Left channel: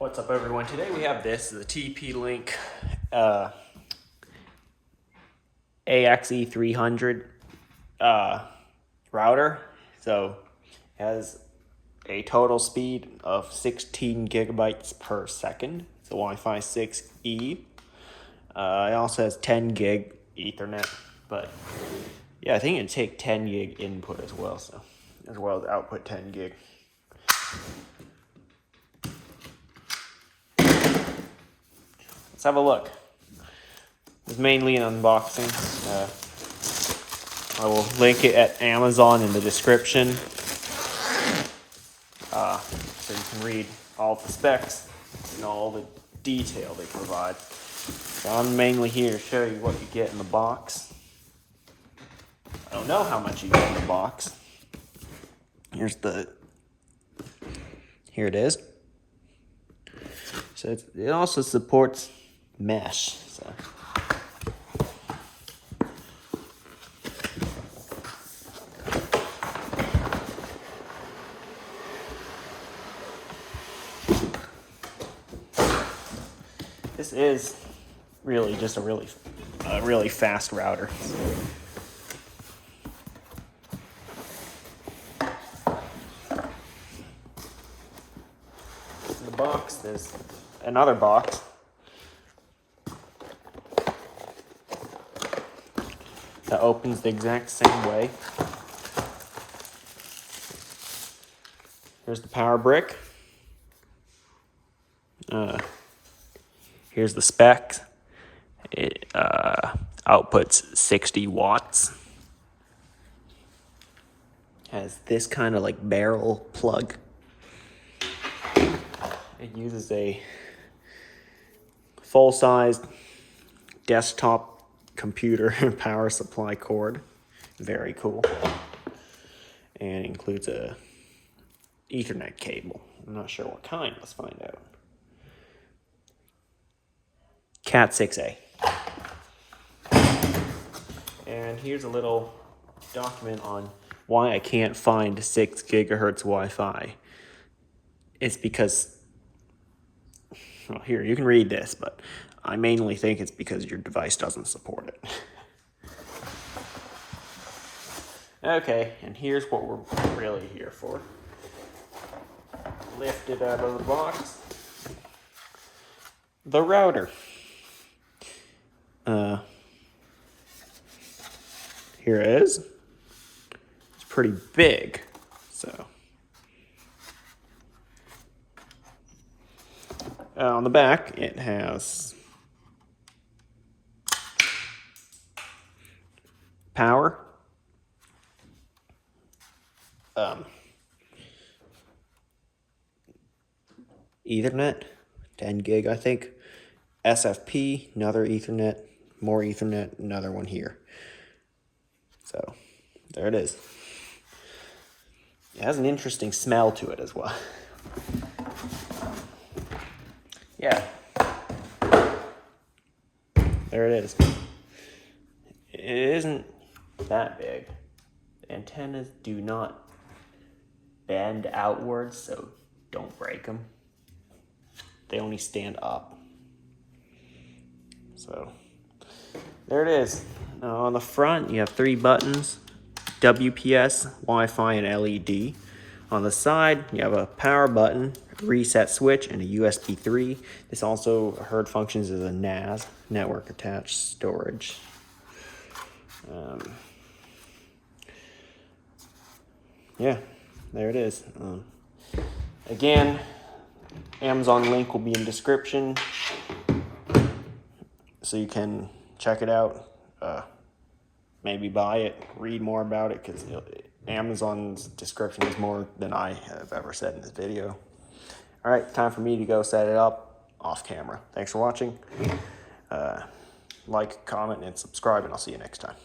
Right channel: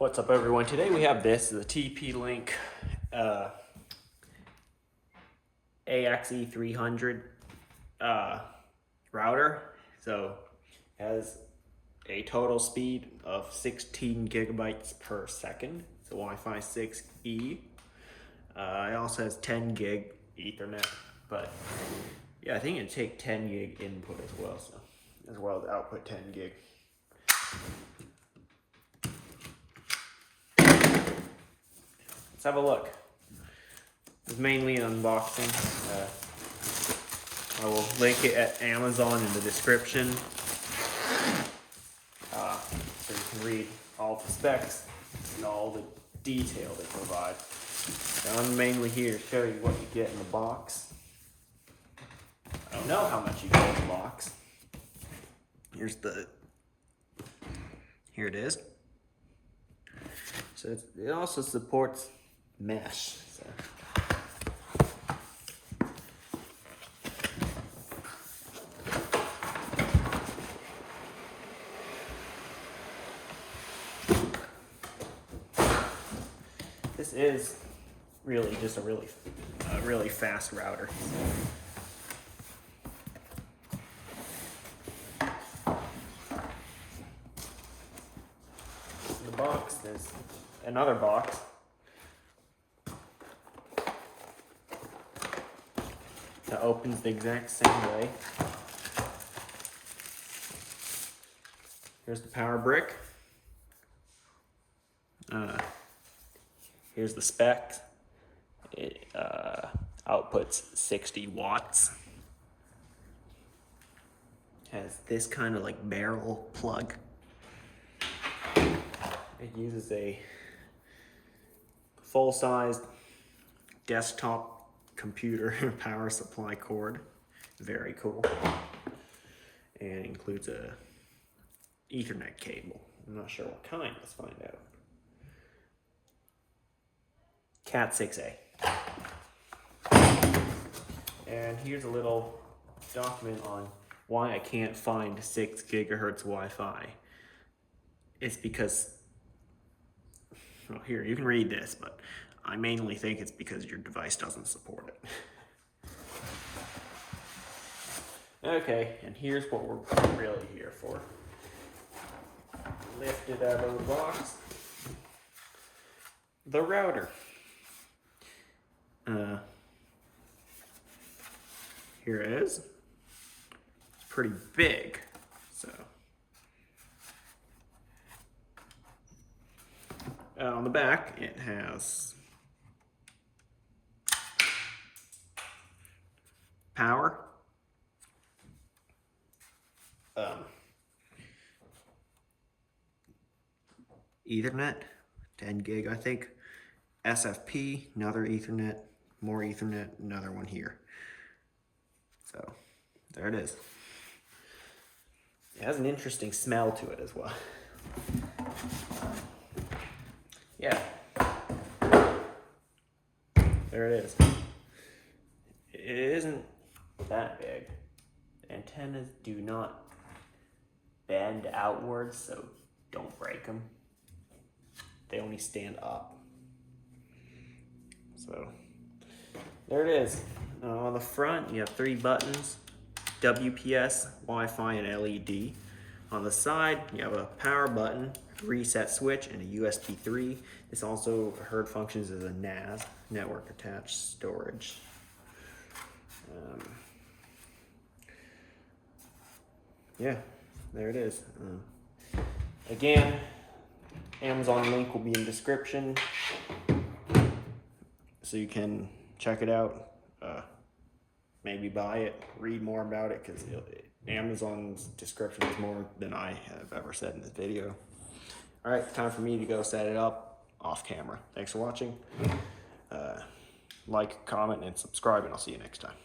What's up, everyone? Today we have the TP-Link AXE300 router. So it has a total speed of 16 gigabytes per second. It's a Wi-Fi 6E. It also has 10 gig Ethernet, but yeah, I think it'd take 10 gig input as well, so as well as output 10 gig. Let's have a look. It's mainly an unboxing. I will link it at Amazon in the description, so you can read all the specs and all the detail they provide. I'm mainly here to show you what you get in the box. I don't know how much you get in the box. Here it is. So it also supports mesh. So. This is really just a really fast router. In the box, there's another box. That opens the exact same way. There's the power brick. Here's the specs. It outputs 60 watts. Has this kind of like barrel plug. It uses a full-sized desktop computer power supply cord. Very cool. And includes a Ethernet cable. I'm not sure what kind. Let's find out. Cat 6A. And here's a little document on why I can't find 6 gigahertz Wi-Fi. It's because, well, here, you can read this, but I mainly think it's because your device doesn't support it. Okay, and here's what we're really here for. Lift it out of the box. The router. Here it is. It's pretty big, so. On the back, it has power, Ethernet, 10 gig, I think, SFP, another Ethernet, more Ethernet, another one here. So, there it is. It has an interesting smell to it as well. Yeah. There it is. It isn't that big. The antennas do not bend outwards, so don't break them. They only stand up. So, there it is. Now on the front, you have 3 buttons, WPS, Wi-Fi, and LED. On the side, you have a power button, reset switch, and a USB 3. This also heard functions as a NAS, network attached storage. Yeah, there it is. Again, Amazon link will be in description, so you can check it out. Maybe buy it, read more about it, because Amazon's description is more than I have ever said in this video. All right, time for me to go set it up off camera. Thanks for watching. Like, comment, and subscribe, and I'll see you next time.